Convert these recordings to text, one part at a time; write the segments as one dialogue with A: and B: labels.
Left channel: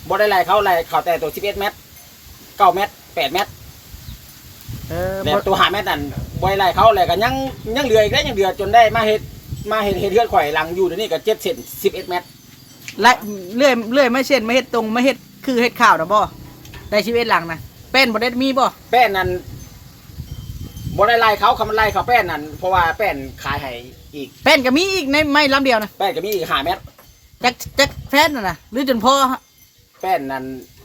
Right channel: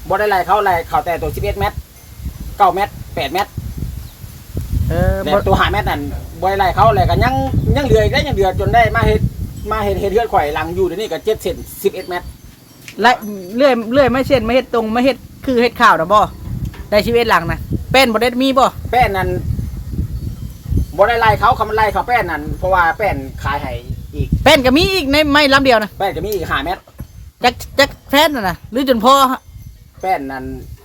A: บ่ได้ไล่เขาแต่ตัว11เมตร9เมตร8เมตรแบบตัว5เมตรนั่นบ่ได้ไล่เขาแล้วก็ยังเหลืออีกได้ยังเหลือจนได้มาเฮ็ดเฮือนข่อยหลังอยู่เดี๋ยวนี้ก็7เซน11เมตร
B: และเลื่อยไม่เช่นไม่เฮ็ดตรงไม่เฮ็ดคือเฮ็ดข้าวนะบ่ได้ชีวิตหลังนะแป้นบ่ได้มีบ่
A: แป้นนั่นบ่ได้ไล่เขาคำไล่เขาแป้นนั่นเพราะว่าแป้นขายให้อีก
B: แป้นก็มีอีกในไม้ลำเดียวนะ
A: แป้นก็มีอีก5เมตร
B: จักแป้นน่ะหรือจนพอ
A: แป้นนั่น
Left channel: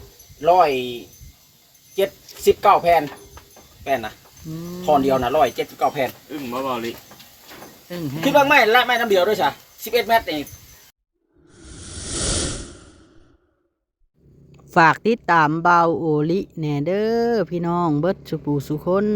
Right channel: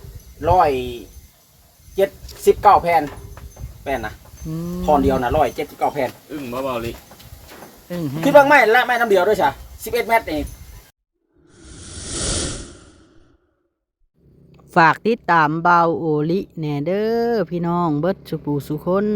A: 179แผ่นแป้นนะทอนเดียวนะ179แผ่น
C: มาบ่ลิ
A: คิดว่าไม่ละไม่น้ำเดียวด้วยใช่11เมตรนี่
B: ฝากติดตามเบาโอลิแน่เด้อพี่น้องเบิดสุปูสุคน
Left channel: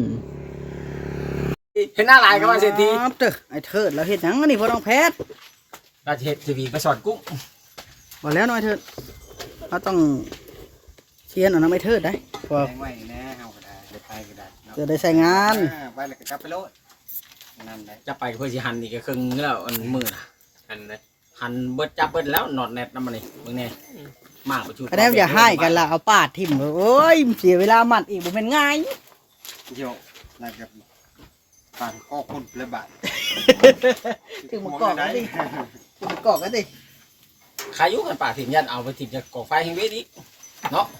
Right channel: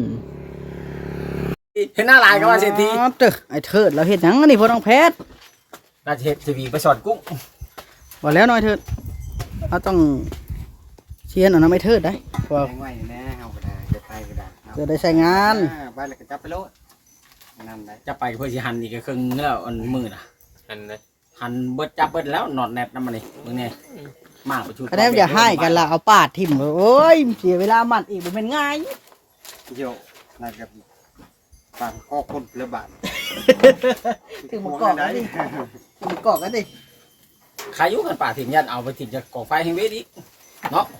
A: เห็นหน้าลายกับว่าเศรษฐี
B: เด้อไอ้เถิดเราเฮ็ดหยังอันนี้พ่อน้องแพทย์
A: ราชเฮ็ดทีวีไปสอนกุ้ง
B: บ่แล้วน้อยเถิดเราต้องเชียนเอาน้ำไอ้เถิดได้
A: แพงไว้แน่เฮาก็ได้จะไปก็ได้
B: จะได้ใช้งาน
A: ไปแล้วก็จับไปโลดนั่นได้จับไปเพื่อสิหั่นอีกก็ครึ่งแล้วอันมือน่ะ
C: หั่นเลย
A: หั่นเบิดจับเบิดแล้วนอดแนบนำมันนี่มึงนี่มากไปชุด
B: อันนี้อย่าให้กันละเอาปาดทิ่มโอ้ยเสียเวลามัดอีกบ่แม่นง่าย
A: เดี๋ยวน่าจะปานก็คนละบาท
B: ถึงมากอกกันดิถึงมากอกกันดิ
A: ใครอยู่กันป่าถิ่มยันเอาไปถิ่มจะก่อไฟแห่งเวทอีกเนาะ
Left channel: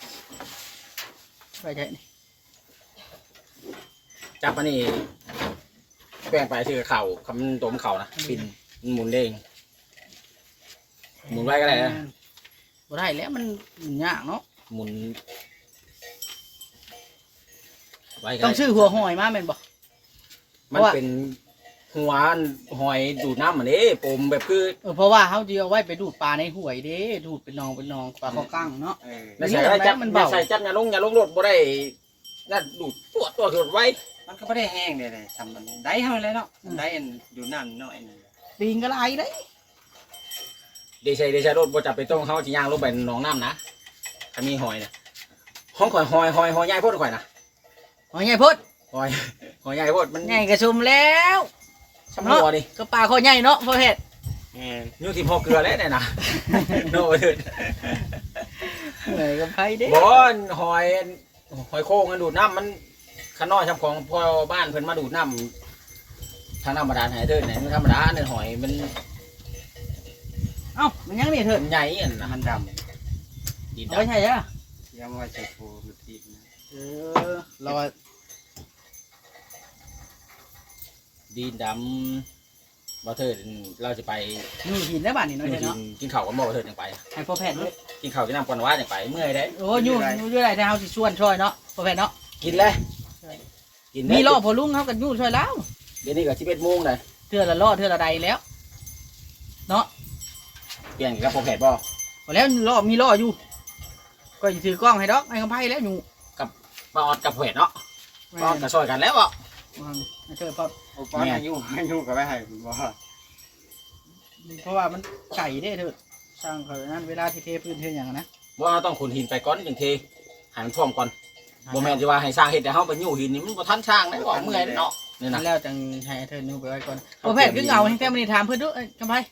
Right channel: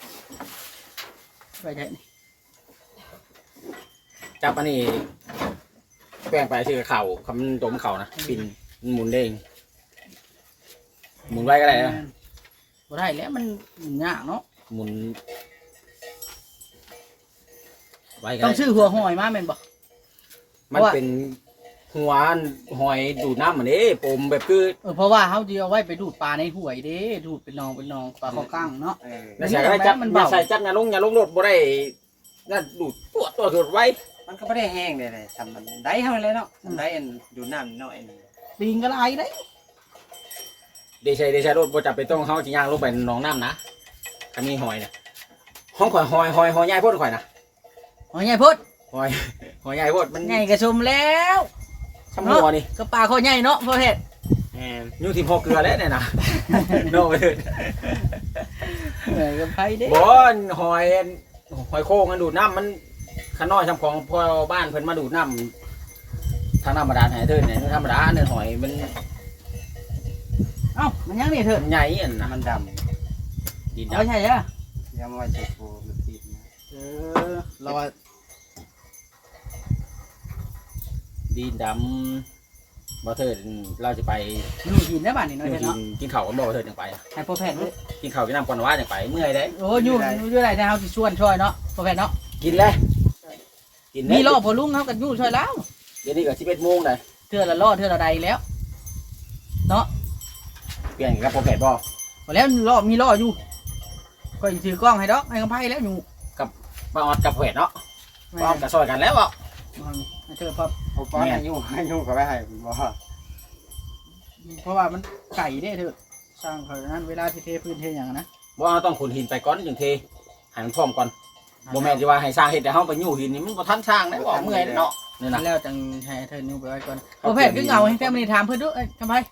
B: ไปได้
A: จับอันนี้แป้งไปชื่อเข่าคำตัวมันเข่านะปินหมุนเด้งหมุนไว้ก็ได้นะ
B: บ่ได้แล้วมันยากเนาะ
A: หมุน
B: ไว้ก็ต้องชื่อหัวหอยมาแม่นบ่
A: มันเป็นหัวหอยดูดน้ำมันนี้ปมแบบคือ
B: เพราะว่าเขาจะเอาไว้ไปดูดปลาในห้วยเด้ดูดเป็นนองปลาข้าวกั้งเนาะ
A: ไม่ใช่ได้จับมันเบาใส่จับยาลงรถบ่ได้น่าดูดตัวไว้มันก็ไม่ได้แห้งเลยทำมันได้เท่าไรเนาะได้อันดูน้ำเนาะ
B: ปีงก็ไรได้
A: เดชัยรถบ่จับไปต้องเขาจีย่างลงไปหนองน้ำนะคันนี้หอยนะห้องข่อยหอยใหญ่พ่นข่อยนะ
B: หอยใหญ่พ่น
A: หอยใหญ่พ่นมัน
B: ใหญ่กระชมแล้ว
A: ช่างหัวดิ
B: ก็ปลาคอใหญ่เนาะพ่อเพชร
A: ยูทีพอเกลือแล้วเนี่ยนะโน่ไปเถิด
B: เหนื่อยกับใครดิ
A: บอนหอยโค้งมันดูดน้ำมันข้างนอกทำของพ่อบ้านเพิ่นมาดูดน้ำทางธรรมดาหายเถิดเนี่ยธรรมดาเนี่ยหอยมัน
B: มันยังนี่เถิด
A: ใหญ่อันนะมันดำ
B: ดินใช่ไหม
A: ยังว่าจะโผล่มันดินนะ
B: เรา
A: ดินดำบ่เถิดเราจะไป
B: นี่หินได้บ้านนี่น้อยเนาะ
A: กินข้าวกับบ่เถิดยังไป
B: ให้พ่อแพทย์ด้วย
A: กินข้าวกินน้ำก่อนว่ายังไปเมื่อยได้
B: โอ้ยุ่งอะไรแต่เขาสิชวนช่วยเนาะพ่อแพทย์เนาะ
A: กินเลย
B: มีล่อพอลุงเขากันยุ่งช่วยแล้ว
A: เดี๋ยวนี้ก็11 โมงเลย
B: เทื่อละล่อเทื่อละใดแล้วเนาะ
A: เปลี่ยนกับพ่อแพทย์บ่
B: พอแล้วล่อมีล่ออยู่ก็ถือกล้องให้ดอกให้กำไพ่แล้วอยู่
A: กับป้าออดกับพ่อแพทย์เนาะป้าออดกับซอยกันแล้วบ่
B: เชิญพ่อ
A: ป้าออดอายุกับไม่ให้บ่
B: เพราะว่ามันไก่ได้เถอะสร้างเขานั้นเวลาที่เทพื้นเทอย่างนะ
A: ว่าต้องขุดหินไปก่อนจึงเทหันพร้อมก่อนโมเมนต์ที่ว่าให้สร้างเห็ดแต่เขาไปยู่หินนี่มันก็ทันสร้างได้ก่อนเมื่อยเนาะ
B: นี่นะแล้วจังให้เธอนิ้วไปไว้ก่อนพ่อแพทย์ก็เงาให้แค่มันถามเพื่อนด้วยกำไพ่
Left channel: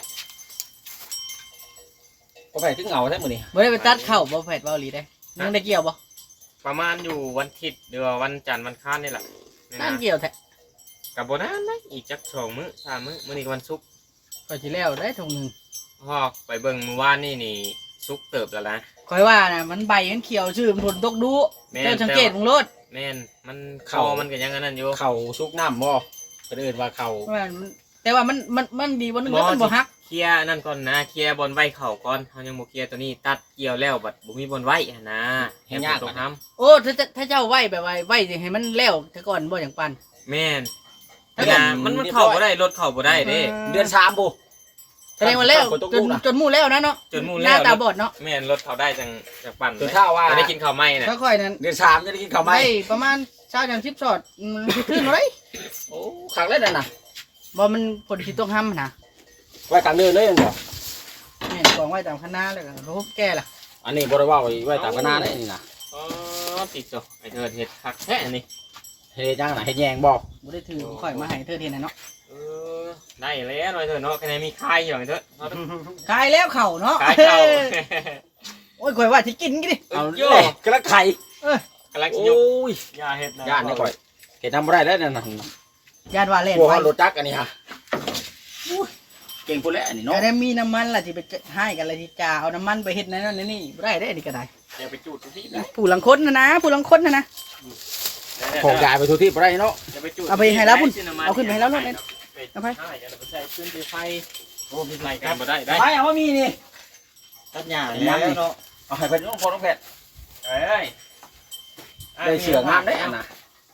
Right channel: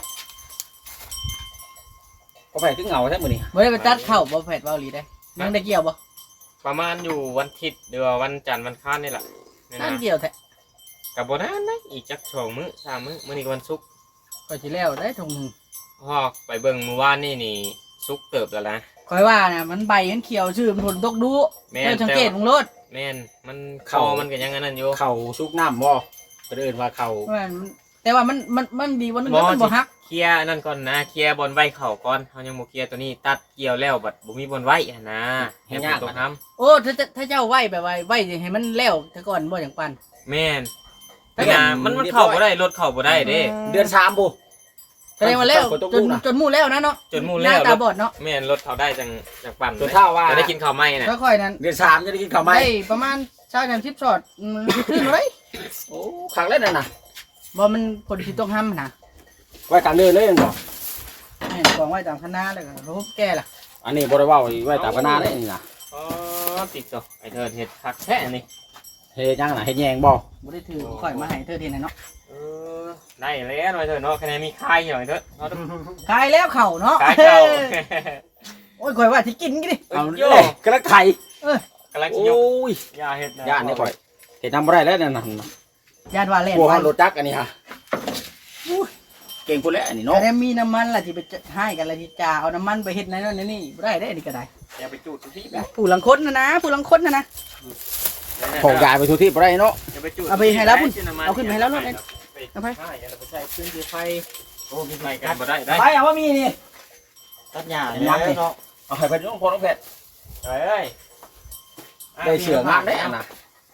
A: พ่อแพทย์ก็เงาแท้หมดนี่
B: ไม่ได้ไปตัดเข่าพ่อแพทย์เบาหลีได้ยังได้เกี่ยวบ่
C: ประมาณอยู่วันอาทิตย์เดือวันจันทร์วันค้านนี่แหละ
B: นั่นเกี่ยวแท้
C: กับโบนัสนะอีกจัก2 มื้อ3 มื้อมื้อนี้วันศุกร์
B: ไปที่แล้วได้ทงนึง
C: ไปเบิ่งเมื่อวานนี่ศุกร์เติบแล้วนะ
B: คอยว่านะมันใบมันเขียวชื่อมันผลตกดูเจ้าสังเกตมึงรถ
C: แม่นมันคอมันก็ยังงั้นอยู่
A: เข่าซุกน้ำบ่ก็เดินว่าเข่า
B: แต่ว่ามันดีวันนึงแล้วมันบ่ฮัก
C: เคลียร์นั่นก่อนนะเคลียร์บอลไว้เข่าก่อนเขายังบ่เคลียร์ตัวนี้ตัดเกี่ยวแล้วบัดบ่มีบอลไว้นะ
A: เห็นยาก
B: ตรงทำโอ้ถ้าเจ้าไว้แบบไว้ให้มันแล้วแต่ก่อนบ่อย่างปัน
C: แม่นมันเข่าบ่ได้รถเข่าบ่ได้เด้
A: เดือน3บ่
B: แสดงว่าแล้วจนมู่แล้วนะเนาะ
C: จนมู่แล้ว
B: ตาบอดเนาะ
C: แม่นรถเขาได้จากปั่น
A: ตัวเท่าว่า
C: จะได้กินข้าวไหม้นะ
B: ค่อยๆนั้น
A: เดือน3จะได้กินข้าวไหม้
B: ได้ประมาณ20-10 ช็อตขึ้นไว้
A: โอ้ขังเล่นน่ะนะ
B: บ่มันคนที่ต้องห้ำนะ
A: ไว้กลางเดินเลยบ่
B: แม่นกองไว้ตามคณะแล้วก็รู้แก่ล่ะ
A: อันนี้บ่ได้ว่าไว้ตามคณะได้นี่นะ
C: ติดต่อไอ้เธอเห็ดผักแท้นี่
A: เฮ็ดจังน่ะเฮ็ดแยงบ่
B: ได้ถือข่อยมาให้เธอเทนเนาะ
C: ได้แล้วหน่อยเถอะเนาะคะแนนมีคายอย่างเถอะ
B: คายแล้วเข่าเนาะ
C: คายเข่า
B: อ้ยข่อยว่าสิกินกี่ดิ
A: เอาเลยกระไข่
C: กำลัง
A: โอ
C: สิยก้
A: ย
C: ยาเฮ็ดนะ
A: ย่านนี่ข่อยเห็นทำบ่ได้แล้วนั่นน่ะ
B: ญาติว่าเล่น
A: พวก
B: ไป
A: เขารถจักรอันนี้ฮะอุ้ยเก่งพุ่นแล้วอันนี้เนาะ
B: แต่มีน้ำมันล่ะที่ไปให้กันล่ะที่จ่าเอาน้ำมันไปเฮ็ดนั่นนี่บ่ได้ได้อันนี้ก็ได้
C: อย่าไปจูดทุกที่นะ
B: ผู้หลังคนนะผู้หลังคนนะ
A: ของกายไปทุกที่บ่ได้เนาะ
C: อย่าไปจูด
B: เอาไปให้แล้วพุ่นเอาขึ้นไปให้แล้วรถเลยเอาไป
C: ใช่อย่าไปใส่พื้นที่ไฟโอ้มีไฟกันบ่ได้ได้
A: ไปเอาว่ามีนี่
C: ตัดหญ้าแล้วเนาะ
A: เอาให้เพิ่นน้องพอน้องแพทย์
C: เอ้ย
A: ได้เสืองามได้อันน่ะ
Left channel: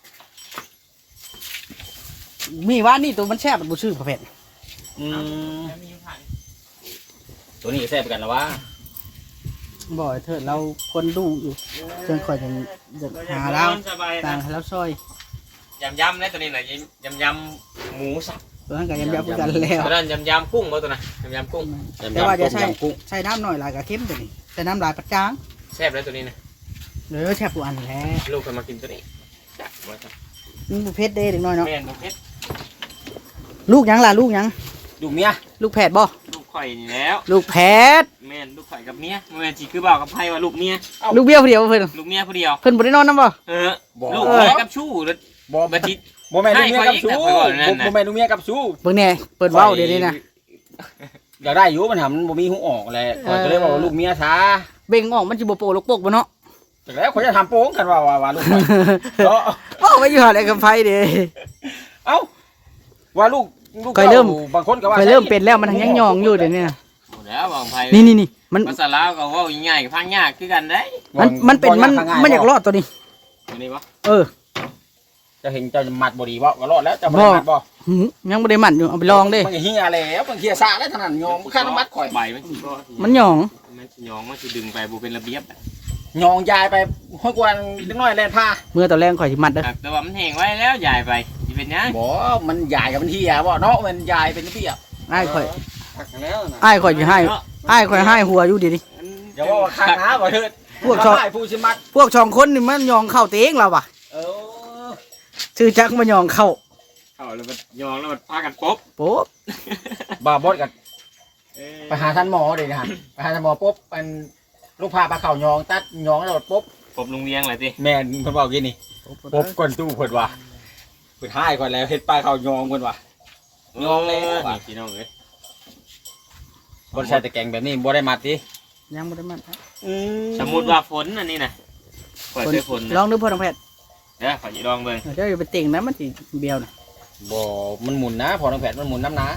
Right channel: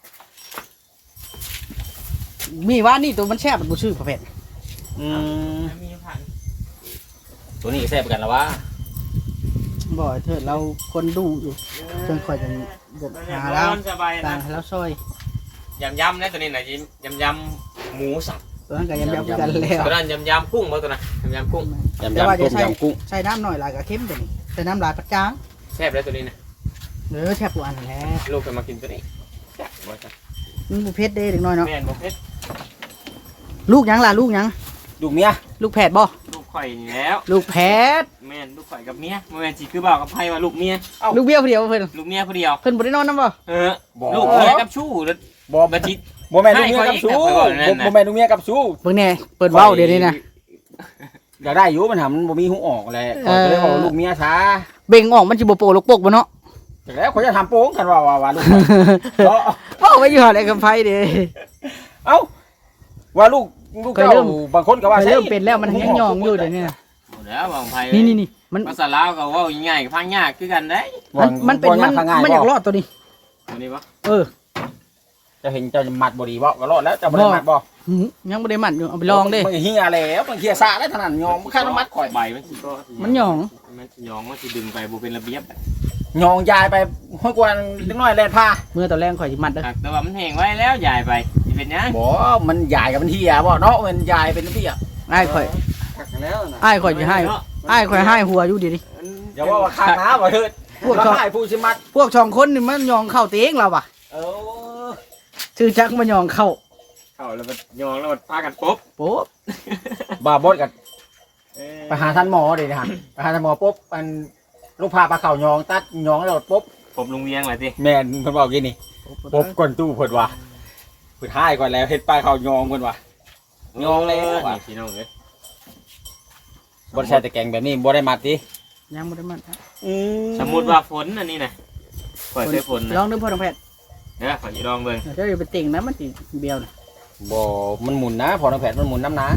B: มีว่านี่ตัวมันแซ่บมันบ่ชื่อประเภท
A: อืม
C: มีผ่าน
A: ตัวนี้แซ่บกันแล้ววะ
B: บ่เถิดเราคนดูอยู่จนค่อยจะหาแล้ว
C: สบาย
B: ต่า
C: นะ
B: งแล้วซอย
C: ยำๆนะตัวนี้น่ะยำหมูสับ
B: ตัวนั้นก็ยำๆกันแล้ว
C: ตัวนั้นยำกุ้งบ่ตัวน่ะยำกุ้ง
B: แต่ว่าจะใส่
A: ยำกุ้ง
B: ใส่น้ำหน่อยหลายก็เค็มตัวนี้ใส่น้ำหลายปัดจาง
C: แซ่บเลยตัวนี้นะ
B: เด้อแซ่บผู้อันแหละ
C: ลูกเคยมากินตัวนี้
B: มันบ่เผ็ดเด้เด็กน้อยเนาะ
C: แม่นบ่เผ็ด
B: ลูกหยังล่ะลูกหยัง
A: ดูเมีย
B: ลูกแผดบ่
C: ลูกข่อยนี่แล้ว
B: ลูกแผด
C: แม่นลูกข่อยกับเมียแม่นสิคือบ่าวกับไผว่าลูกเมีย
B: ลูกเบี้ยวผู้เดียวเพิ่น
C: ลูกเมียผู้เดียว
B: เพิ่นบ่ได้นอนนำบ่
C: ลูกเมียกับชู้แล้ว
A: บ่
C: บัดนี้
A: บ่แม่นดูเมียกับชู้
C: ให้ข่อยอีกนะข่อยบอกนั่นน่ะ
A: บ่แม่นดูเมียกับชู้
B: เบิ่งแน่เปิดเว้าเดี๋ยวนี้นะ
A: อยากได้อยู่มันหามันบ่มีหูออกแหละข่อยก็เลยว่าลูกเมียช้า
B: เบ่งออกมันสิบ่โปลูกปกบ่เนาะ
A: จากแล้วข่อยจะทำโป้งกันว่าลูกข่อยเนาะ
B: เว้าไว้อยู่หั่นไอ้กำไผเด้
A: เอ้าว่าลูก
B: เคยเริ่ม
A: บางคนก็ว่า
B: เคยเริ่มเป็นแล้วมันยังยองอยู่เดี๋ยวนี้
C: หมดแล้วบ่าวกับไผ
B: นี่มัน
C: ภาษาลาวก็เว้าง่ายๆกับพังยากคือกันได้
B: มันเป็นมันอยากรอดตัวนี้
C: อันนี้บ่
B: เออ
A: จะเห็นเจ้ามัดบ่ดีบ่ก็รอดแล้วเจ้าบ่ได้มัดบ่
B: หืมยังบ่ได้หมั่นอยู่เอาไปลองเด้
A: มันเฮียแล้วมันเฮียซาแล้วเท่านั้นยองมันค่าน้ำมัดข่อย
C: ใบมันสิบ่
B: มันหยอง
C: มันสิยองมันสิดึงไปบ่เป็นระเบียบอะ
A: ยองยายไปห้อยกวนเล็กน้อยแล่นท่า
B: เมื่อตอนแรกข่อยสิมัดเด้อ
C: แต่ว่ามันแห้งไว้แล้วยายไปสิเป็นหยัง
A: บ่มันยายกับมันเฮียบ่เนาะมันยายเป็นเฮีย
B: อ้ายข่อย
C: แล้วนะ
B: อ้ายข่อยสิให้อ้ายข่อยให้หัวอยู่เดี๋ยวนี้
A: อย่าว่าข้าน้าบ่เถิด
B: พวกชอบ
A: ให้ผู้สิมัด
B: พวกสองคนนี่มันยองเข้าเตงเราว่ะ
A: เออ
B: ชื่อจักมันยองเข้า
C: เข้าแล้วมันยองแล้วมันพากันปบ
B: โป๊ะ
A: บ่บดกันไปหาท่านหมอเด้นะฮะไปหาท่านหมอปุ๊บมันลูกพาปลาเข่ายองตัดยองแล้วปุ๊บ
C: ปบลุงเวียงเลยสิ
A: แม่นเพิ่นบอกกินนี่ปุ๊บก่อนตู้เพิ่นว่าเพิ่นให้ก่อนแล้วเฮ็ดปลาเข่ายองเพิ่นว่า ยองเลย
C: นี่พี่น้องเอ้ย
A: บ่ได้ใช้แต่แกงแบบนี้บ่ได้มัดติ
B: ยังบ่ได้มัดครับ
C: สมมุติว่าฝนอันนี้นะข่อยเคยฝนนะ
B: ลองดูเพิ่นเอาแพทย์
C: เด้อข่อยสิลองเบิ่ง
B: เดี๋ยวอย่าไปติ่งนะมันสิเบี้ยวนะ
A: บ่มันหมุนนะพอน้ำแผดมันหมุนน้ำนะ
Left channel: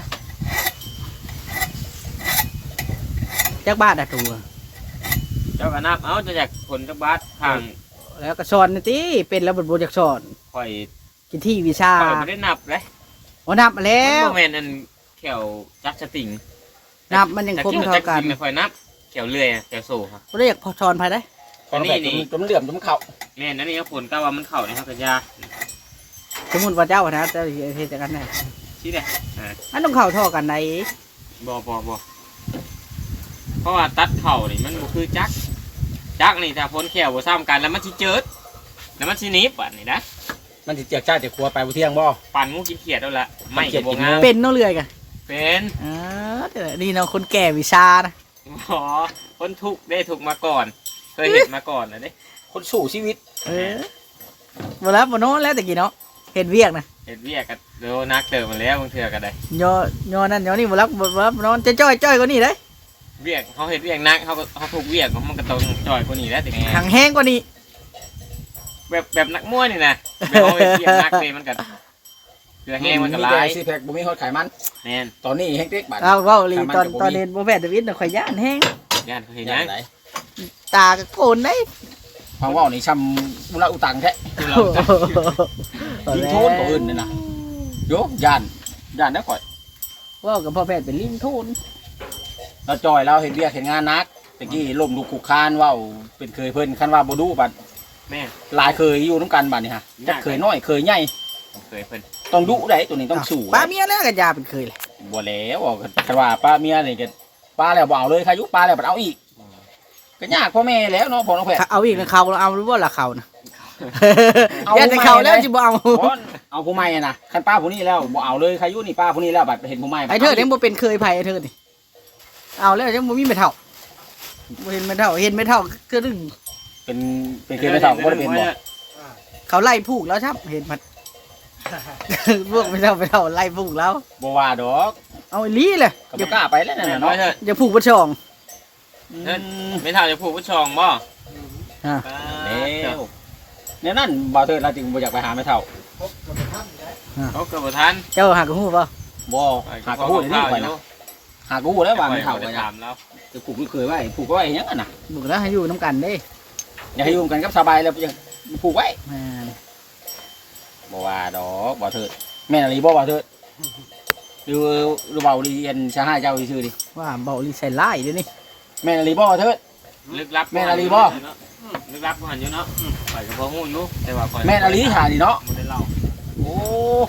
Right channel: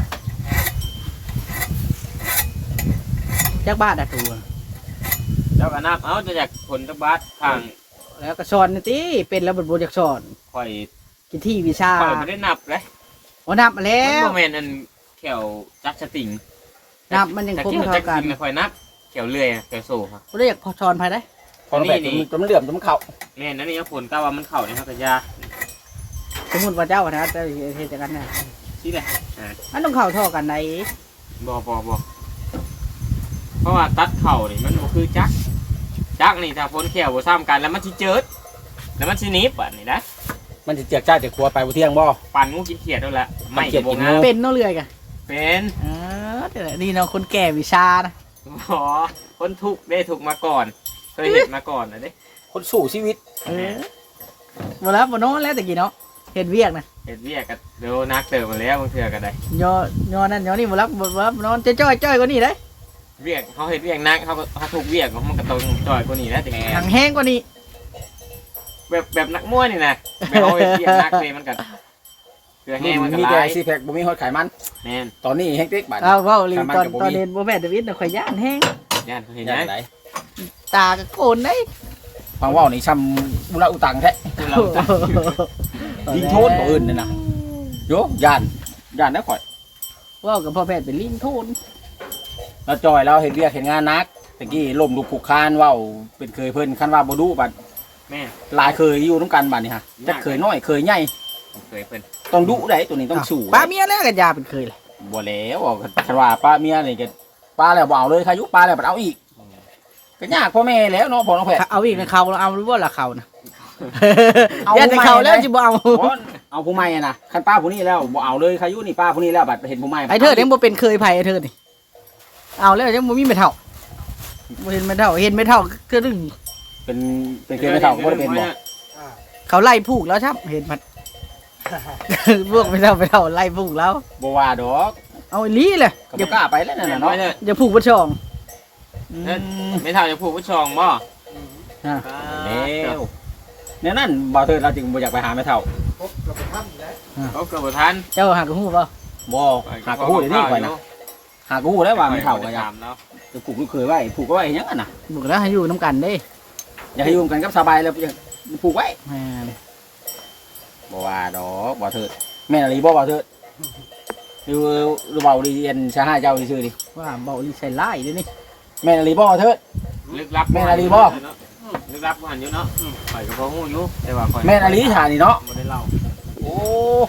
B: จักบาทได้ปู
C: เจ้าก็นับเอาจะอยากผลจักบาทข้าง
B: แล้วก็สอนนี่ติเป็นแล้วบ่อยากสอน
C: ข่อย
B: กินที่วิชา
C: ข่อยบ่ได้นับเลย
B: อ๋อนับมาแล้
C: มัน
B: ว
C: บ่แม่นอันแขวจักสติง
B: นับมันยัง
C: แต่
B: คง
C: เกี่ยว
B: เท่า
C: จัก
B: กัน
C: กินไม่ค่อยนับแขวเลื่อยอะแขวโซ่ค่ะ
B: บ่ได้อยากพอสอนภายได้
A: พอน้ำแผด
C: นี่
A: จนมันเหลื่อมจนมันเข่า
C: แม่นอันนี้ก็ผลก็ว่ามันเข้าในครับกระยา
B: สมมุติว่าเจ้านะเจ้าเฮ็ดจังกันได้
C: ชี้ได้
B: มันต้องเข้าท่อกันได้
C: บ่เพราะว่าตัดเข่านี่มันบ่คือจักนี่ถ้าพ้นแขวบ่ซ้ำกันแล้วมันสิเจิดแล้วมันสิหนีบอันนี้นะ
A: มันสิเจียกจ้าจากครัวไปบ่เที่ยงบ่
C: ปั่นงูกินเขียดแล้วล่ะไม่ก็บ่งาม
B: เป็นเนาะเรื่อยกัน
C: เป็น
B: แต่นี่เนาะคนแก่วิชานะ
C: อ๋อคนทุกข์ได้ถูกมาก่อน เคยเห็นมาก่อนนะเด้
A: คนสู้ชีวิต
B: บ่แล้วบ่นอนแล้วตะกี้เนาะเฮ็ดเวียกนะ
C: เห็นเวียกกันเดี๋ยวนักเติมมาแล้วบางเทื่อก็ได้
B: ย่อนั่นย่อนี่บ่รับนอนจะจ้อยกว่านี้เด้
C: เวียกเขาเห็นเวียกนักเขาถูกเวียกมันก็ต้องจ่อยกว่านี้แล้วแต่
B: หางแห้งกว่านี้
C: แบบนักมวยนี่นะแบบเขาเห็นเวียกนักเลยมันก็เกลือแห้งมันก็
A: มี
C: ลา
A: แต่
C: ย
A: ซีแพคบ่มีฮอดไขมัน
C: แม่น
A: ตอนนี้แฮงเต็กบาด
B: เอาเว้าลีตอนเรียนบ่แม่นดวิดน่ะข่อยย่านแห้ง
C: ย่านเขาเห็น
A: ยั
C: ยัง
A: งไง
B: ตาก็โกนได้
A: ฟังเว้านี่ช้ำอุระอุตังแท้
C: ตัวเราจะ
A: ลิงโทนบ่อื่นนี่นะโยย่านนะข่อย
B: เว้ากับพ่อแพทย์เป็นลิงโทน
A: เราจอยเราเฮ็ดเวียกเฮ็ดงานหนักตะกี้ล้มลุกคลุกคลานเว้าเป็นเคยเพิ่นคันว่าบ่ดุบัด
C: แม่
A: หลายเคยอยู่นํกันบัดนี่ฮะจักเคยน้อยเคยใหญ่
C: เคยเพิ่น
A: ต้องดุได้ตัวนี้ต้องสู้
B: ป้าเมียแล้วก็ยาเป็นเคยเลย
A: บ่แล้วคันว่าป้าเมียนี่ก็ป้าแล้วบ่เอาเลยใครยุป้าแล้วบ่เอาอีกก็ยากพ่อแม่แล้วเนาะพ่อน้องแพทย์
B: เอาอีกนะเขาเอาหรือว่าละเขานะย่านแต่เขาแล้วสิบ่เอา
A: บ่เอาผู้ใหม่อะนะคันป้าผู้นี้แล้วบ่เอาเลยใครยุนี่ป้าผู้นี้แล้วบัดเห็นผู้ใหม่
B: ไอ้เธอยังบ่เป็นเคยไผไอ้เธอนี่เอาแล้วยังบ่มีไม่เท่าเห็นไม่เท่าคือดึง
A: เป็นเคสไม่เท่าก็บ่ได้เป็นบ่
B: เขาไล่ผูกแล้วครับเห็นมัน พวกไม่เท่าไล่ผูกแล้ว
A: บ่ว่าดอก
B: เอาอีหลีเลย
A: ก็บ่กล้าไปแล้วนั่นน่ะเนาะ
B: อย่าผูกบ่ช่อง
C: ไม่เท่าจะผูกผู้ชองบ่
A: แล้วเนี่ยนั่นบ่าวเถิดเราจึงบ่อยากไปหาแม่เฒ่า
C: เขาเกิดบ่ทัน
B: เจ้าหากระหู้ป่ะ
A: บ่หากระฮู้ได้นี่ข่อยนะหากระฮู้ได้ว่าแม่เฒ่าก็อยาก
C: ถามแล้ว
A: ผูกเคยไว้ผูกไว้หยังอ่ะน่ะ
B: บอกแล้วให้อยู่น้ำกันเด้
A: อยากให้อยู่กันกับสบายแล้วยังผูกไว้
B: อ่า
A: บ่ว่าดอกบ่าวเถิดแม่นอะไรบ่บ่าวเถิดดูเบาดีเอ็นชาห้าเจ้าซื่อๆดิ
B: ว่าเบาอีใส่ไล่เดี๋ยวนี้
A: แม่นอะไรบ่บ่าวเถิด
C: ลึกลับ
A: แม่นอะไรบ่
C: ลึกลับบ่หันอยู่เนาะข่อยก็บ่ฮู้อยู่แต่ว่าข่อย
A: แม่นอะไรถ่านี่เนาะ
C: บ่ได้เล่า
A: โอ้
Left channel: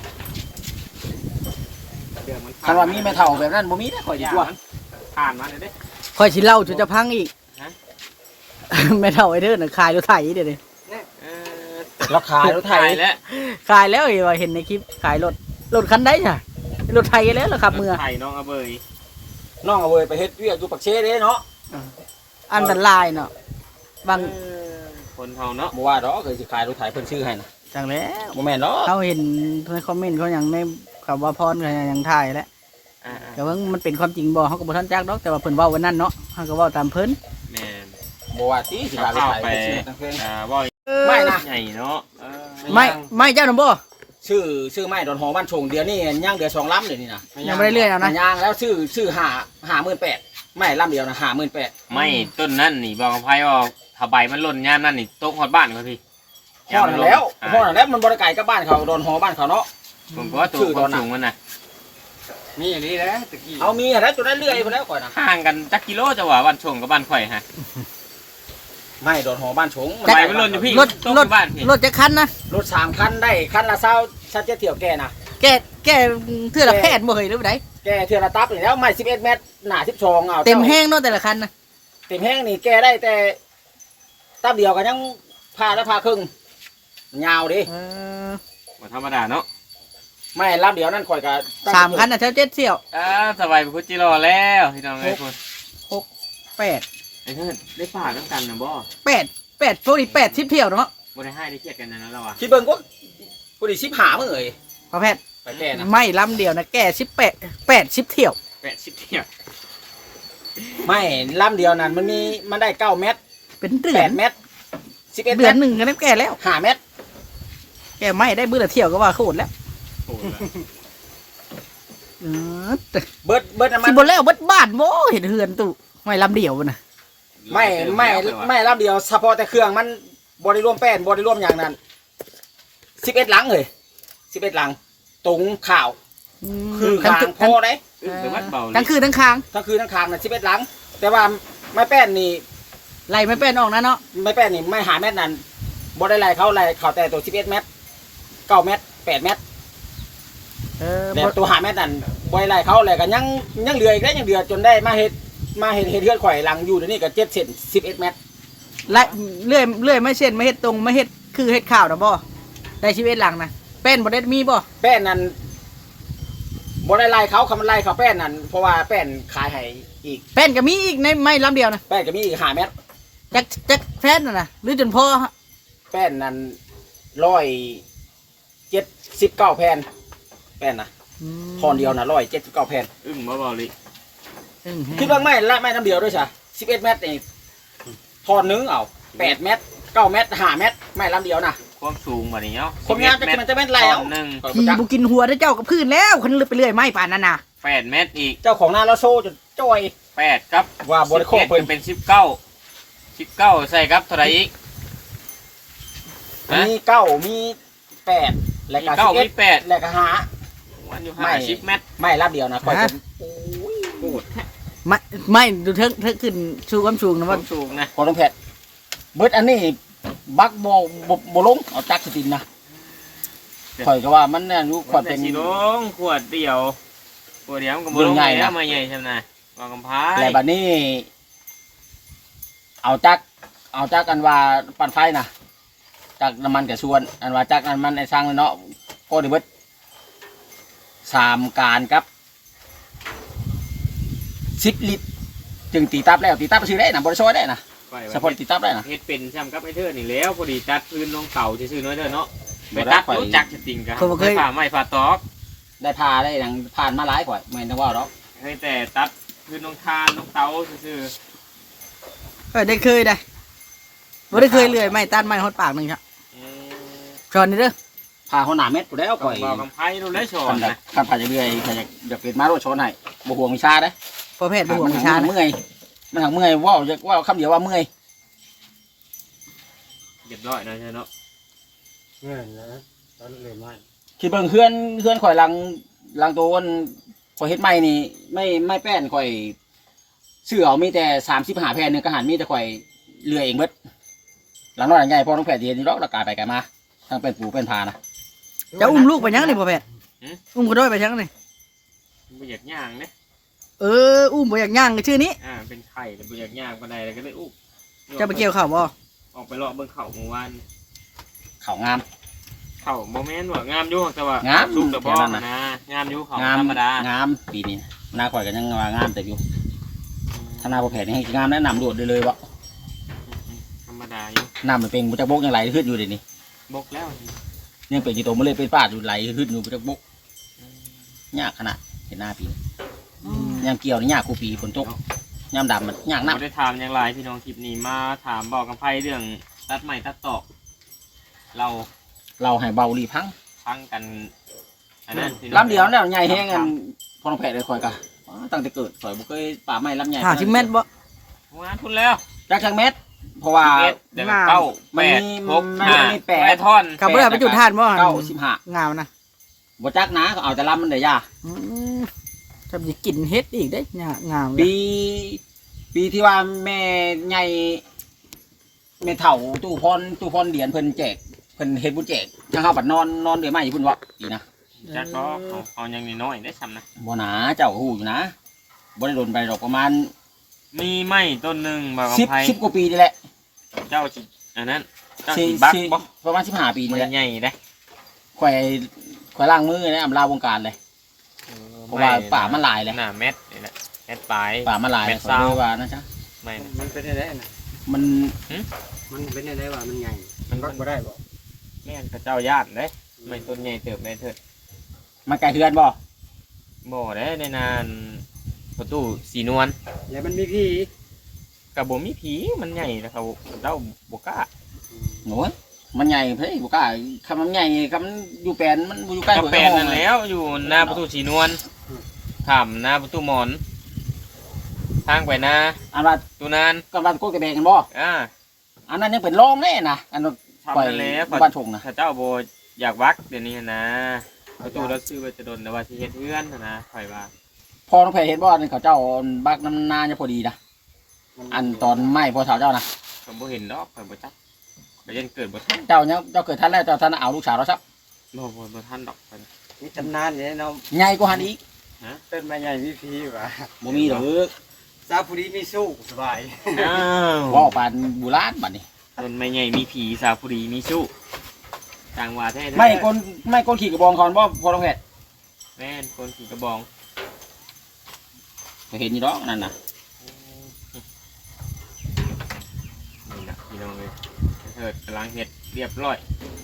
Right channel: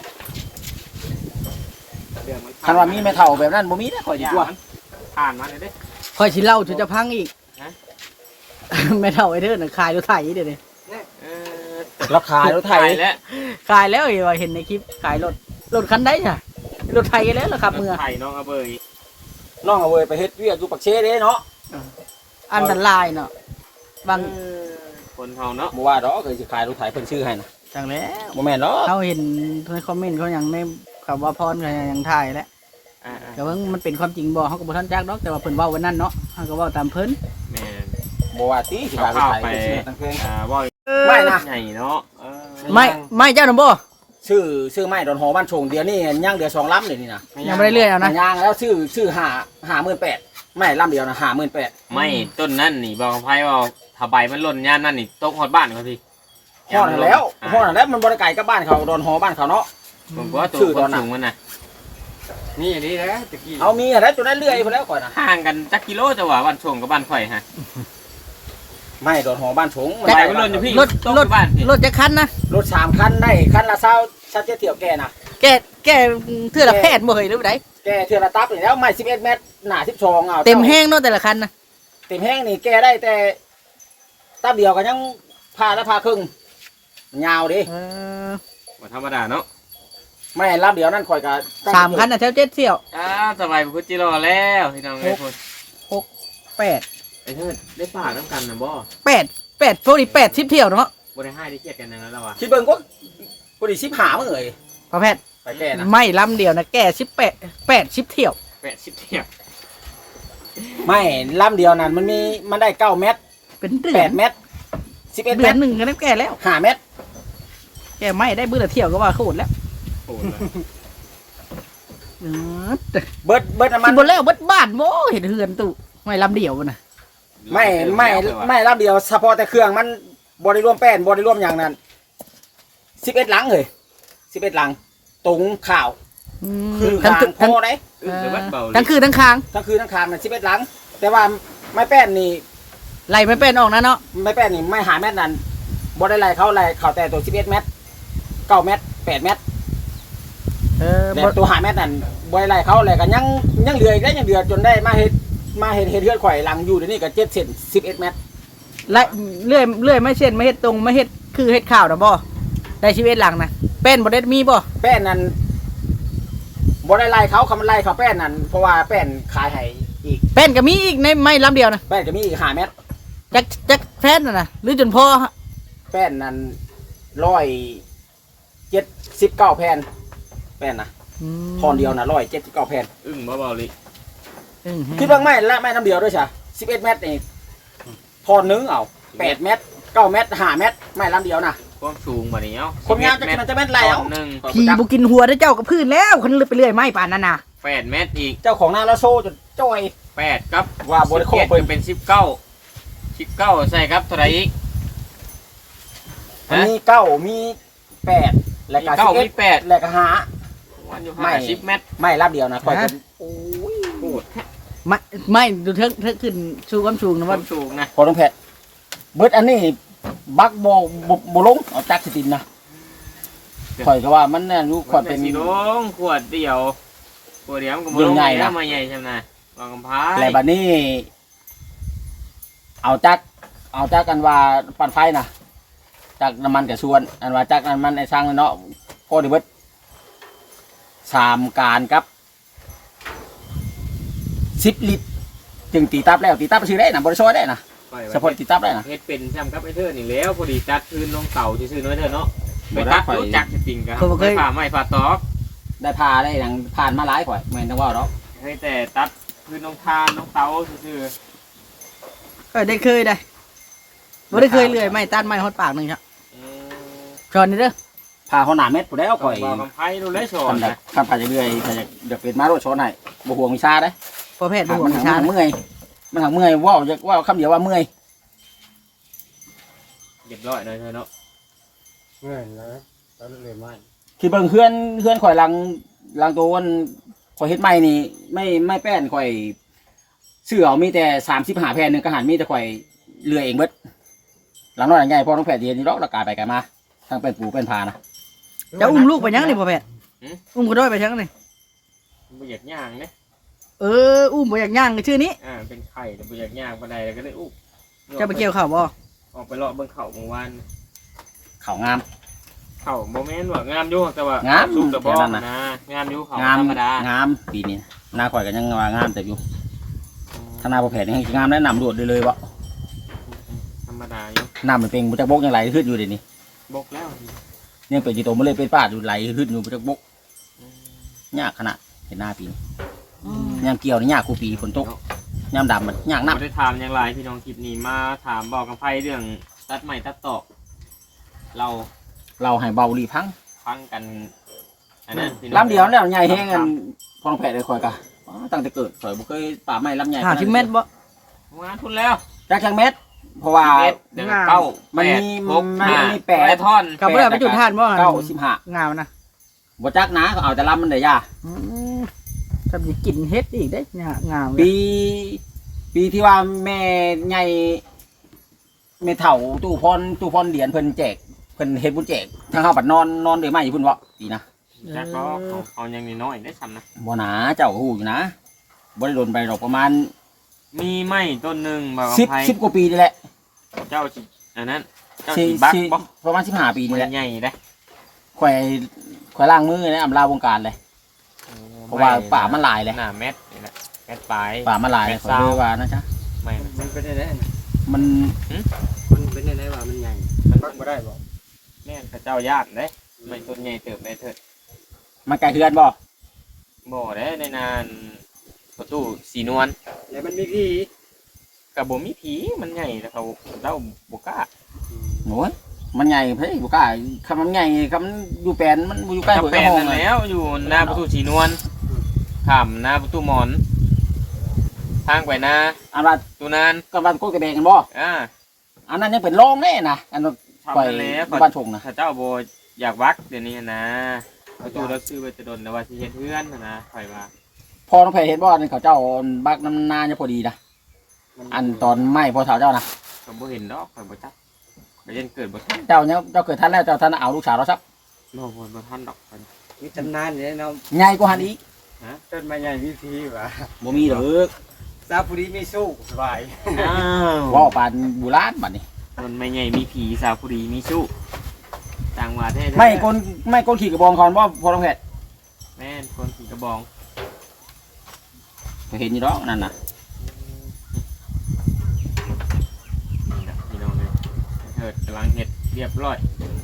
A: ถ้าว่ามีแม่เฒ่าแบบนั้นบ่มีนะข่อยสิกลัว
C: ผ่านมาเด้
B: คอยสิเล่าจนจะพังอีก
C: ฮะ
B: ไม่เท่าไอ้เด้อน่ะขายรถไถเดี๋ยวนี้
C: เออ
A: ราคารถไถ
C: แล้ว
B: ขายแล้วอย่าว่าเห็นในคลิปขายรถคันใดจ้ะรถไถแล้วล่ะครับเมื่อ
C: ไผ่น้องอเบย
A: น้องเอาเว้ยไปเฮ็ดเวียกอยู่ปักเชเด้เนาะ
B: อันตรายเนาะบาง
C: คนเฮาเนาะ
A: บ่ว่าดอกเคยสิขายรถไถเพิ่นชื่อให้นะ
B: จังแล้ว
A: บ่แม่นดอก
B: เขาเห็นในคอมเมนต์เขาอย่างในคำว่าพรเขาอย่างถ่ายแล้ว
C: อ่า
B: แต่ว่ามันเป็นความจริงบ่เขาก็บ่ทันจักดอกแต่ว่าเพิ่นเว้าวันนั้นเนาะเขาก็เว้าตามเพิ่น
C: แม่น
A: บ่ว่าติสิขายรถ
C: เข้า
A: ไถ
C: ไป
A: เพิ่นชื่อตั้งแพง
C: บ่อย
A: ไม่นะ
C: ใหญ่เนาะ
B: ไม่เจ้าหนุ่มบ่
A: ชื่อไม้ดอนหอบ้านชงเดี๋ยวนี้ย่างเดือ2ลำเลยนี่นะ
B: ยังไม่ได้เลื่อยเอานะ
A: ย่างแล้วชื่อ58,000ไม่ลำเดียวนะ58,000
C: ไม่ต้นนั่นนี่บอกกับไพ่ว่าถ้าใบมันหล่นยามนั่นนี่ตกฮอดบ้านครับพี่
A: ฮอดนั่นแล้วฮอดนั่นแล้วมันบ่ได้ไกลกับบ้านเขาดอนหอบ้านเขาเนาะ
C: ผมก็ว่าตัว
A: ชื่อ
C: ค
A: ตอน
C: น
A: น่ะ
C: สูงมันน่ะ
D: นี่อันนี้แหละตะกี้
A: เอามีอะไรจนได้เลื่อยไปแล้วก่อนนะ
C: ห่างกันจักกิโลจะว่าบ้านชงกับบ้านข่อยฮะ
A: ไม่ดอนหอบ้านชง
C: ใบมันหล่นอยู่พี่
B: รถ
C: ตก
B: รถ
C: บ้านพี่
B: รถจะคันนะ
A: รถ3คันได้คันละ20เที่ยวแก่นะ
B: แกเทื่อละแพทย์บ่เฮ้ยหรือบ่ได้
A: แก่เทื่อละตับนี่แล้วไม่11เมตรหนา12เอา
B: เต็มแห้งเนาะแต่ละคันนะ
A: เต็มแห้งนี่แก่ได้แต่ตับเดียวก็ยังพาแล้วพาครึ่งยาวดิ
B: เออ
C: บ่ธรรมดาเนาะ
A: ไม่ลำเดียวนั่นข่อยก็
B: สามคันน่ะแถว7เที่ยว
C: สบายพุทธิรอแล้วพี่น้องไอ้คน
B: 8
C: ไอ้เพื่อนได้ป่าต้องกันนะบ่
B: 8พวกนี้80เที่ยวเนาะ
C: บ่ได้ให้ได้เครียดกันนะแล้วว่ะ
A: คิดเบิ่งก็ผู้ดี15มื้อเอ้ย
B: พอแพทย์
A: ไปแก่นะ
B: ไม่ลำเดียวนะแก่80เที่ยว
C: 80เที่ยว
A: ไม่ลำเดียวนั่นมันได้9เมตร
B: เป็นเดือน
A: 8เมตร11
B: เดื
A: เม
B: อน
A: ตร
B: หนึ่งก็ได้แก่แล้ว
A: 5เมตร
B: แก่ไม่ได้มื้อละเที่ยวก็ว่าโคตรแล้ว
C: โอ้ย
B: เออ
A: เบิดน้ำมั
B: สิ
A: น
B: บ่แล้วเบิดบ้านโว้เห็นเฮือนตู้ไม่ลำเดียวน่ะ
A: ไม่ลำเดียวเฉพาะแต่เครื่องมันบ่ได้รวมแป้นบ่ได้รวมอย่างนั้น11หลังเลย11หลังตรงข่าว คือ
B: ทั้
A: คางพอได้
B: ทั้งคือทั้งคาง
A: ทั้งคืนทั้งคางน่ะ11หลัง แต่ว่าไม้แป้นนี่
B: ไล่ไม่เป็นออกนะเนาะ
A: ไม้แป้นนี่ไม่หาเม็ดนั้นบ่ได้ไล่เขาแต่ตัว11เมตร9เมตร8เมตร แล้วตัวหาเม็ดนั้นบ่ได้ไล่เขาแล้วก็ยังเหลืออีกได้ยังเหลือจนได้มาเฮ็ดเฮือนข่อยหลังอยู่เดี๋ยวนี้ก็7เซน11เมตร
B: ไล่เลื่อยไม่เส้นไม่เฮ็ดตรงไม่เฮ็ดคือเฮ็ดข้าวนะบ่ได้ชีวิตหลังนะเป็นบ่ได้มีบ่
A: แป้นนั้นบ่ได้ไล่เขาคำมันไล่เขาแป้นนั้นเพราะว่าแป้นขายให้อีก
B: เป็นก็มีอีกในไม่ลำเดียวนะ
A: แป้นก็มีอีก5เมตร
B: จักแฟนน่ะนะหรือจนพอ
A: แป้นนั้น179แผ่นแป้นนะทอนเดียวนะ179แผ่น
C: อึ้งมาบ่ลิ
A: คิดว่าไม่น้ำเดียวด้วยใช่11เมตรนี่ทอนนึงเอา8เมตร9เมตร5เมตรไม่ลำเดียวนะ
C: ความสูงมานี้เนาะ
A: คนงานจะกินมันจะแม่นไรเอา
C: หนึ่ง
B: ขี่บุกินหัวได้เจ้ากับพื้นแล้วคันลึกไปเรื่อยไม่ป่านนั้นน่ะ
C: 8 เมตรอีก
A: เจ้าของนาเราโซ่จนจ้อย
C: 8ครับ
A: ว่าบริโภค
C: 11
A: เพิ่น
C: เป็น19ใส่ครับเท่าไหร่อีก
A: มี9มี8แล้วก็
C: มี9มี
A: 11
C: 8
A: แล้วก็หา
C: วันอยู่
A: ไม่
C: 50 เมตร
A: ไม่ลำเดียวนะคอยจะ
C: โคตร
B: ไม่ดูเทิงขึ้นชูความสูงนะ
C: ค
B: ว่า
C: วามสูงนะ
A: พอต้องแพทย์เบิดอันนี้บักบ่ลงเอาจักสิตินนะข่อยก็ว่ามันน่ะรู้ข่อยเป็น
C: สีลงขวดเดียวมันก็บ่
A: เรื่
C: ล
A: อง
C: ง
A: ใหญ่
C: แล้
A: นะ
C: วมาใหญ่ใช่ไหมวางกำพร้า
A: แล้วบัดนี้ เอาจักกันว่าปั่นไฟนะจักน้ำมันกับส่วน อันว่าจักน้ำมันไอ้สร้างเนาะก็ได้เบิด3การกับ10 ลิตรจึงตีตับแล้วตีตับไปซื้อได้นะบริษัทได้นะ
C: ปล่อย
A: เฉพาะตีตับได้นะ
C: เฮ็ดเป็นซ้ำกับไอ้เธอนี่แล้วพอดีตัดคืนลงเก่าซื่อๆน้อยเธอเนาะไปตัดรู้จักจริงๆกันไปผ่าไม้ผ่าตอก
A: ได้พาได้อย่างผ่านมาหลายกว่าเหมือนทั้งว่าเนาะ
C: เคยแต่ตัดคืนลงทานลงเตาซื่อ
B: ได้เคยได้บ่ได้เคยเลื่อยไม้ตัดไม้ฮอดปากนึงครับ
C: ๆ
B: สอนนี่เด้อ
A: พาเขาหนาเม็ดกูแล้ว
C: ก่
A: ก่
C: อ
A: อย ย
C: บอกกำไพ่ดูเลยสอ
A: กัน น
C: นะ
A: ขับผ่านเรื่อยๆถ้าอยากเป็นมาโรดชนให้บ่ห่วงวิชาได้
B: พอแพทย์บ่ห่วง
A: มัน
B: วิ
A: หั
B: ชาง นะ
A: เมื่อยมันหังเมื่อยว่าคำเดียวว่าเมื่อย
C: เรียบร้อยนะเธอเนาะ
D: เมื่อแล้วตอนเลยมา
A: คิดเบิ่งเพื่อนข่อยลังตัววันข่อยเฮ็ดใหม่นี่ไม่แป้นข่อยเสื้อเอามีแต่35แผ่นนึงกระหันมีแต่ข่อยเลื่อยเองเบิดหลังน้อยหลังใหญ่พอต้องแผ่นเดียวนี่ดอกละกายไปกันมาทั้งเป็นปูเป็นพานะ
B: จะอุ้มลูกไปยังนี่พอแพทย์อุ้มก็ได้ไปยังนี่
C: บ่อยากย่างเนี่ย
B: อุ้มบ่อยากย่างก็ชื่อนี้
C: เป็นไข่แต่บ่อยากย่างปานใดแล้วก็เลยอุ๊บ
B: จะไปเกี่ยวข้าวบ่
C: ออกไปเลาะเบิ่งเข่าเมื่อวาน
A: เขางาม
C: เข่าบ่แม่นว่างามอยู่แต่ว่าง
A: าม
C: สุกแต่บ่
A: แค่นั้นน่ะ
C: นะงามอยู่เข่าง
A: าม
C: ธรรมดาง
A: ามปีนี้หน้าข่อยก็ยังว่างามแต่อยู่ข้างหน้าบ่แผ่นนี่งามแนะนำโดดเลยบ่
C: ธรรมดาอยู่
A: น้ำมันเป็นบ่จักบกยังไหลขึ้นอยู่เดี๋ยวนี้
C: บกแล้ว
A: ยังเป็นกี่โตมาเลยเป็นป้าดูไหลขึ้นอยู่บ่จักบกยากขนาดเห็นหน้าปีนี้ยามเกี่ยวนี่ยากกูปีฝนตกยามดำมันยากนัก
C: บ่ได้ถามอย่างไรพี่น้องคลิปนี้มาถามบอกกับไพ่เรื่องตัดไม้ตัดตอกเรา
A: เราให้เบาลีพัง
C: ฟังกันอันนั้นพี่น้อง
A: ลำเดียวแล้วใหญ่แห้งกันพอลงแผ่เลยข่อยกะตั้งแต่เกิดข่อยบ่เคยป่าไม้ลำใหญ่
B: 50เมตรบ่
C: งานทุนแล้ว
A: จักจังเม็ดเพราะว่า
C: เดี๋ยวเก้า
A: มัน
C: แปด
A: มี
C: หก
A: มัน
C: ห้า
A: มีแปด
C: แปดท่อน
B: กับบ่ได้ไปจุดทานบ่
A: 95
B: งามนะ
A: บ่จักนะก็เอาแต่ลำมันได้ยา
B: ทำสิกินเฮ็ดอีกได้งามเลย
A: ปีที่ว่าแม่ใหญ่แม่เฒ่าตู้พรเหรียญเพิ่นแจกเพิ่นเฮ็ดบุญแจกจังเฮาบัดนอนได้มาอยู่พุ่นเว้าอีนะ
C: จักก็เอายังน้อยๆได้ซ้ำนะ
A: บ่หนาเจ้าก็ฮู้อยู่นะบ่ได้โดนไปดอกประมาณ
C: มีไม้ต้นหนึ่งบอกกับไพ่
A: 10กว่าปีนี่แหละ
C: เจ้าจิอันนั้นเจ้าจิบักบอก
A: ประมาณ15ปีนี่แหละ
C: ใหญ่ได้
A: ข่อยล้างมือนะอำลาวงการเลย เพราะว่าป่ามันหลายเลย
C: หน้าเม็ดนี่แหละเม็ดปลาย
A: ป่ามันหลายเลยขอเลยว่านะจ๊ะ
C: ไม่
D: มันเป็นอะไรนะ
A: มัน
D: มันเป็นอะไรวะมันใหญ่
C: มัน
D: ก็บ่ได้บ่
C: แม่นพระเจ้าญาติเลยไม่ต้นใหญ่เติบในเถิด
A: มันไกลเฮือนบ่
C: บ่ได้ในนานประตูสีนวล
D: แล้วมันมีพี่
C: กับบ่มีผีมันใหญ่แต่เขาเจ้าบ่กล้า
A: โหนมันใหญ่เพ่บุกล้าคำมันใหญ่คำมันอยู่แปลนมันอยู่ใกล้
C: กับ
A: หัว
C: แปล
A: กระ
C: น
A: ห้อง
C: นั่น
A: เลย
C: แล้วอยู่หน้าประตูสีนวลขำหน้าประตูหมอนทางไปหน้า
A: อันว่า
C: ตูนาน
A: กำลังโคตรกระเบงกันบ่ อันนั้นยังเป็นโรงแน่นะอันนั้น
C: ทำ
A: ปล่อย
C: นั่นแล้ว
A: บ้านทงนะ
C: ข้าเจ้าบ่อยากวักเดี๋ยวนี้นะประตูเราซื้อไว้จะโดนแล้วว่าสิเฮ็ดเฮือนนะข่อยว่า
A: พอน้องแพรเห็นบ่อันเขาเจ้าบักน้ำนาจะพอดีนะอันตอนไหม้พอเฒ่าเจ้านะ
C: ก็บ่เห็นดอกข่อยบ่จักก็ยังเกิดบ่ทัน
A: เจ้าเนี่ยเจ้าเกิดทันแล้วเจ้าท่านเอาลูกสาวเราซับ
C: บ่ทันดอกข่อย
D: มีตำนานเนี่ยเนาะ
A: ใหญ่กว่าหันอีก
D: ต้นไม้ใหญ่มีพี่วะ
A: บ่มีดอก
D: ซาปุริไม่สู้สบาย
C: อ้าว
A: ว่าปานโบุราณบัดนี้
C: ต้นไม้ใหญ่มีผีสาวผู้ดีมีสู้ต่างว่าแท้ๆ
A: ไม่กลขี่กระบองคอนบ่พอน้องแพร
C: แม่นคนขี่กระบอง
A: เห็นอยู่ดอกนั่นน่ะ
C: นี่นะพี่น้องเลยเถิดกำลังเฮ็ดเรียบร้อย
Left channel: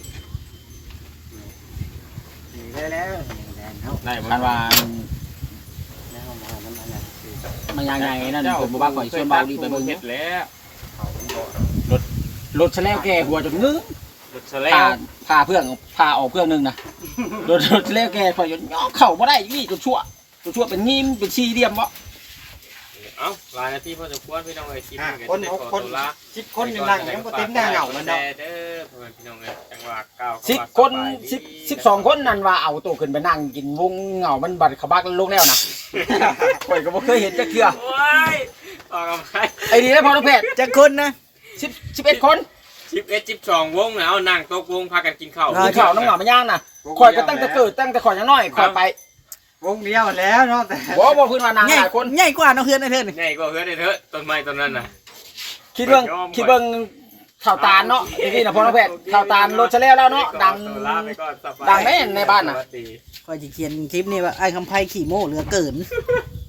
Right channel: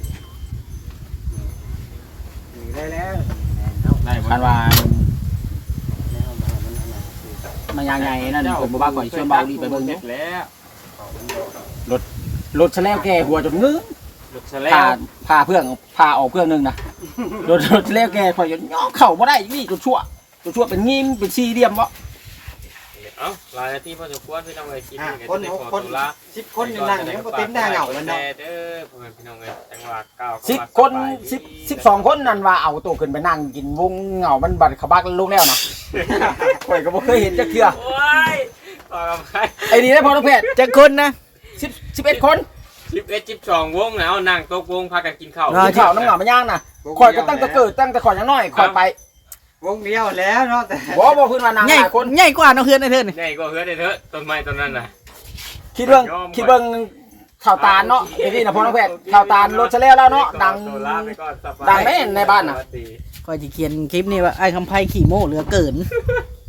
D: ได้แล้วเนาะ
C: ได้บ่
A: คันว่า
D: แล้วมามันอะไรคือ
A: มันยังไงนั่นผมบ่บ้าก่อยชวนเบาดีไปเบิ่ง
C: เฮ็ดแล้ว
D: เขามันบอก
A: รถแฉลวแก่หัวจนงื้อ
C: รถแสล
A: พาเพื่อนพาออกเพื่อนนึงนะรถแฉลวแก่ข่อยจนย่อเข้าบ่ได้นี่ตัวชั่วเป็นงิ้มเป็นสี่เหลี่ยมบ่
C: เอ้าหลายนาทีพอสมควรพี่น้องเอ้ยคิด
D: คน6คน10คนยังนั่งยังบ่เต็มหน้าเหงาเลยเนาะ
C: เด้อพ่อแม่พี่น้องเอ้ยจังหวะก้าว
A: 10 คน10 12 คนนั่นว่าเอาตัวขึ้นไปนั่งกินวงเหงามันบัดเขาบักลงแล้วนะข่อยก็บ่เคยเห็นจักเทื่อ
C: โอ้ยออกกำลังกาย
A: ไอ้ดีนะพอน้องแพทย์
B: จักคนนะ
A: 11 คน
C: 11 12วงแล้วนั่งโต๊ะวงพากันกินข้าว
A: กินข้าวน้ำเหงามาย่างน่ะข่อยก็ตั้งแต่เกิดตั้งแต่ข่อยยังน้อยข่อยไป
D: วงเดียวแล้วเนาะแต่
A: บ่เพิ่นว่านางหลายคน
B: ใหญ่กว่าน้องเฮือนไอ้เทือนนี่
C: ใหญ่กว่าเฮือนเด้อต้นไม้ต้นนั้นน่ะ
A: คิดเบิ่งข่าวตาลเนาะไอ้นี่นะพอน้องแพทย์ข่าวตาลรถแฉลวแล้วเนาะดังแน่ในบ้านน่ะ
B: คอยจะเขียนคลิปนี้ว่าไอ้คำไพ่ขี่โม่เหลือเกิน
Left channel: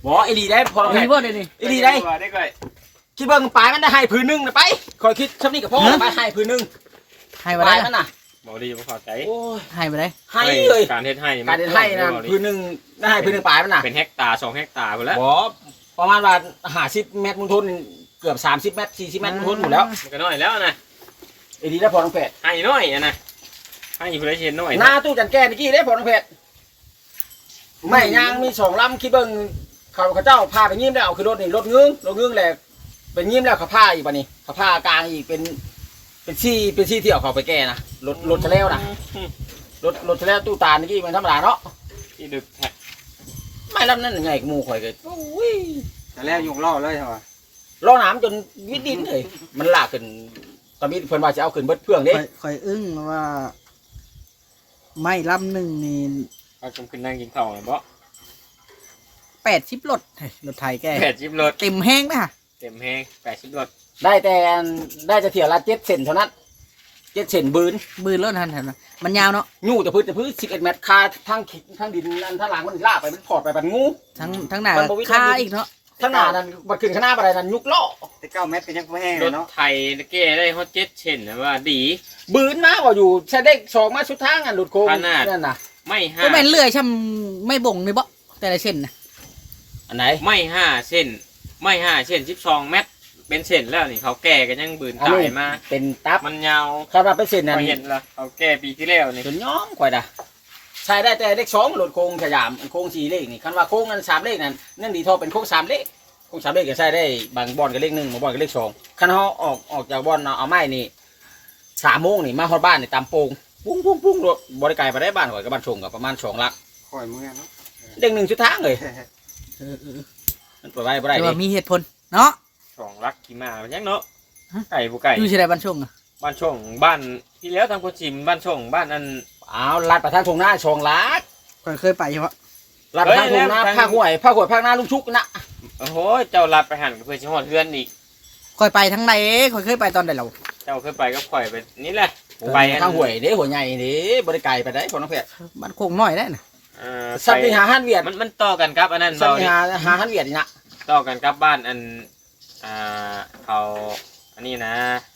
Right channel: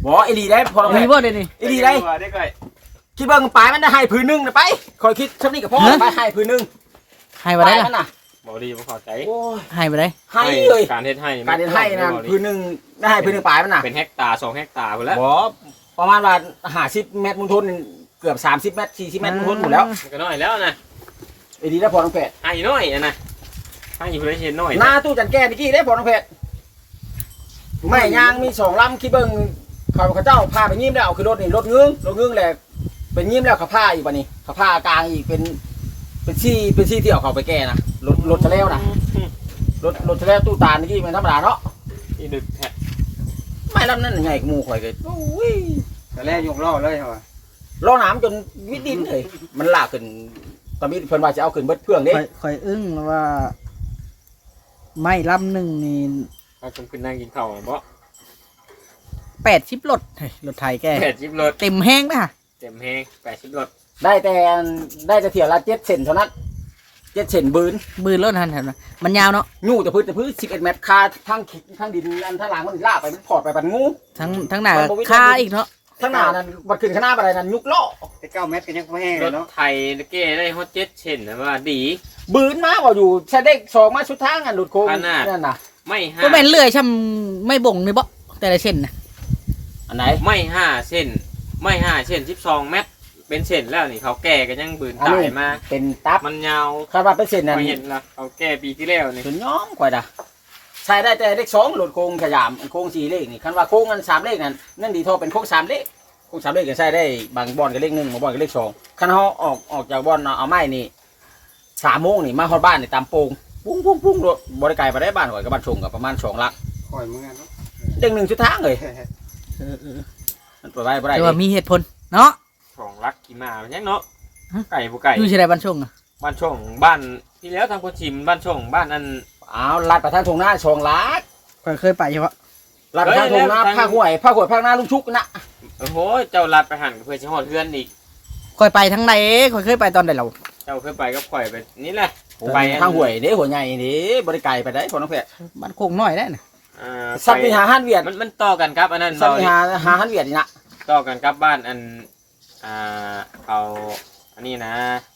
A: บ่อีหลีได้พอน้องแพ
B: มี
A: ทย์
B: บ่ได้นี่
A: อีหลีได้
C: ได้ก่อย
A: คิดเบิ่งปลายมันได้ให้พื้นหนึงนะไปคอยคิดซำนี้ก็พอไปให้พื้นหนึง
B: ให้
A: ป
B: บ่
A: ลา
B: ได้
A: ยมันน่ะ
C: บ่ดีบ่เข้าใจ
A: โอ้ย
B: ให้บ่ได้
A: ให้เลย
C: การเฮ็ดให้
A: การเดินให้นะพื้นหนึงได้ให้พื้นหนึงปลายมันน่ะ
C: เป็นเฮกตาร์2เฮกตาร์พุ่นแล้ว
A: บ่ประมาณว่า50เมตรมุนทนเกือบ30เมตร40เมตรมุนทนหมดแล้ว
C: มันก็น้อยแล้วนะ
A: อีหลีได้พอน้องแพทย์
C: ให้น้อยอะนะให้อยู่ได้เห็นน้อย
A: หน้าตู้จันแก้นี่กี้ได้พอน้องเพชรไม่ยางมี2ลำคิดเบิ่งเขาเจ้าพาไปยิ้มแล้วเอาคือรถนี่รถงึ้งแหละเป็นยิ้มแล้วเขาพาอีกบัดนี้เขาพากลางอีกเป็นซี่ที่เอาเขาไปแก้นะรถทะเลวนะรถทะเลวตู้ตาลนี่กี้มันธรรมดาเนาะ
C: ที่ดึกแท้
A: ไม่ลำนั่นใหญ่กว่าหมู่ข่อยเลยโอ้ย
D: แต่แล้วยงล่อเลยเหรอ
A: ล้อน้ำจนวิดดินเลยมันลากขึ้นตอนนี้เพิ่นว่าจะเอาขึ้นเบิดเพื่องเด้
B: ข่อยอึ้งว่าไม่ลำหนึ่งนี่
C: เอาผมขึ้นนั่งกินข้าวน่ะบ่
B: 80รถเฮ้ยรถไทยแก
C: 80รถ
B: เต็มแห้งนะ
C: เต็มแฮง80รถ
A: ได้แต่ได้จะเที่ยวละ7 เซนเท่านั้น7 เซนบืน
B: บืนรถทันนะมันยาวเนาะ
A: ยู่แต่พื้น11 เมตรคาทั้งดินอันทั้งหลังมันลากไปมันพอดไปปันงู
B: ทั้งหน้า
A: มันบ่วิ
B: ค่า
A: จารณ์
B: อีกเนาะ
A: ทั้งหน้านั้นบัดขึ้นข้างหน้าอะไรนั้นยุกล้อ
D: แต่9 เมตรก็ยังบ่แห้ง
C: ร
D: เลย
C: ถ
D: เนาะ
C: ไทยแก้ได้ฮอด7เช่นนะว่าดี
A: บืนมาบ่อยู่แช่เด็กสองมาสุดทางอันหลุดโค้ง
C: ขนาด
A: นั่นน่ะ
C: ไม่ห้า
B: ก็แม่นเลื่อยช่ำไม่บ่งนี่บ่แต่ละเส้นนะ
A: อันไหน
C: ไม่5เส้นไม่5เส้น12เมตรเป็นเส้นแล้วนี่เขาแก้กันยังบืน
A: อัน
C: ตา
A: นี้
C: ยมา
A: เป็นตับ
C: มันยาว
A: คาดว่าเป็นเส้นนั้น
C: เห็นแล้วเขาแก้ปีที่แล้วนี่
A: จนย้อมกว่าด่ะใช้ได้แต่เลขสองหลุดโค้งขยามอันโค้ง4เลขนี่คันว่าโค้งอัน3เลขนั่นนั่นดีเทอเป็นโค้ง3เลขโค้ง3เลขก็ใช้ได้บางบอลกับเลข1บางบอลกับเลข2คันเฮาออกจากบอลเอาไม้นี่3 โมงนี่มาฮอดบ้านนี่ตามโป่งปุ้งรถบ่ได้ไกลไปได้บ้านข่อยกับบ้านชงก็ประมาณ2 ลัก
D: คอยมึงอ่ะเนาะ
A: เลข1สุดทางเลย มันเปิดไว้บ่ได้
B: แต่
A: ดิ
B: ว่ามีเหตุผลเนาะ
C: 2 ลักขี่มาเป็นยังเนาะ
B: ฮะ
C: ไก่บ่ไก่
B: อยู่ที่ใดบ้านชงอะ
C: บ้านช่องบ้านที่แล้วทางคนชิมบ้านช่องบ้านอัน
A: อ้าวลัดไปทางทงหน้าชองลัก
B: ข่อยเคยไปใช่ปะ
A: ลัดไปทางทงหน้า
C: เฮ้ย
A: ภาคห้วยภาคหน้าลุงชุกนะ
C: โอ้โหเจ้าลัดไปหันกับเพื่อนชิฮอดเพื่อนอีก
B: ข่อยไปทั้งใดข่อยเคยไปตอนใดเรา
C: เจ้าเคยไปก็ปล่อยไปนี่แหละไปอัน
A: ทางห้วยเด้หัวใหญ่เด้บ่ได้ไกลไปได้พอน้องเพชร
B: บ้านโคงน้อยได้น่ะ
C: อ่า
A: สัตว์ไปหาอาหารเวียด
C: มันต่อกันครับอันนั้น
A: สัตว์
C: เบา
A: ไป
C: ดิ
A: หาอาหารเวียดนี่นะ
C: ต่อกันครับบ้านอันเขาอันนี้นะ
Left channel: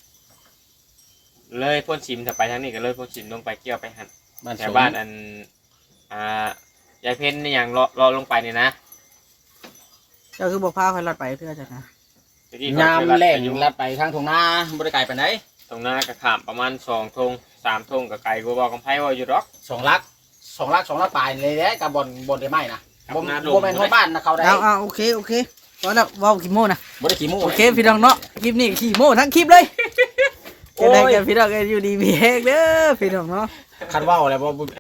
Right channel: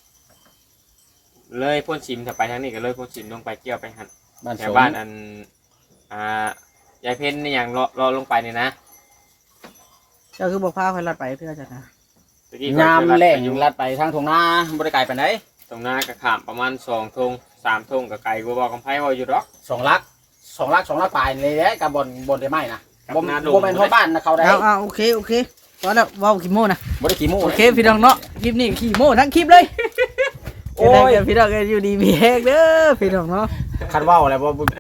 C: เลยพ่นชิมถ้าไปทางนี้ก็เลยพ่นชิมลงไปเกี่ยวไปหัน
A: บ้าน
C: แถ
A: ส
C: ว
A: ม
C: บ้านอันยายเพ้นนี่อย่างรอลงไปนี่นะ
B: เจ้าคือบอกพาข่อยลัดไปเพื่อจะนะ
C: ตะกี้
A: ยาม
C: เข
A: แรง
C: อยู่
A: ลัดไปทางทงหน้าบ่ได้ไกลไปไหน
C: ตรงหน้ากระขามประมาณ2 ธง 3 ธงกับไก่กูบอกกำไพ่ว่าอยู่หรอก
A: 2 ลักปลายเลยเด้กับบนได้ไหมนะ
C: ครับ
A: บ่
C: หน้าดง
A: บ่แม่นฮอดบ้านนะเขาได้
B: เอาโอเคตอนแล้วเว้าขี้โม่นะ
A: บ่ได้ขี้มูก
B: โอเคพี่น้องเนาะคลิปนี้ขี้โม่ทั้งคลิปเลย
A: โอ้ย
B: เจอกันพี่น้องกันอยู่ดีมีแฮกเด้อพี่น้องเนาะ
A: คันเว้าแล้วบ่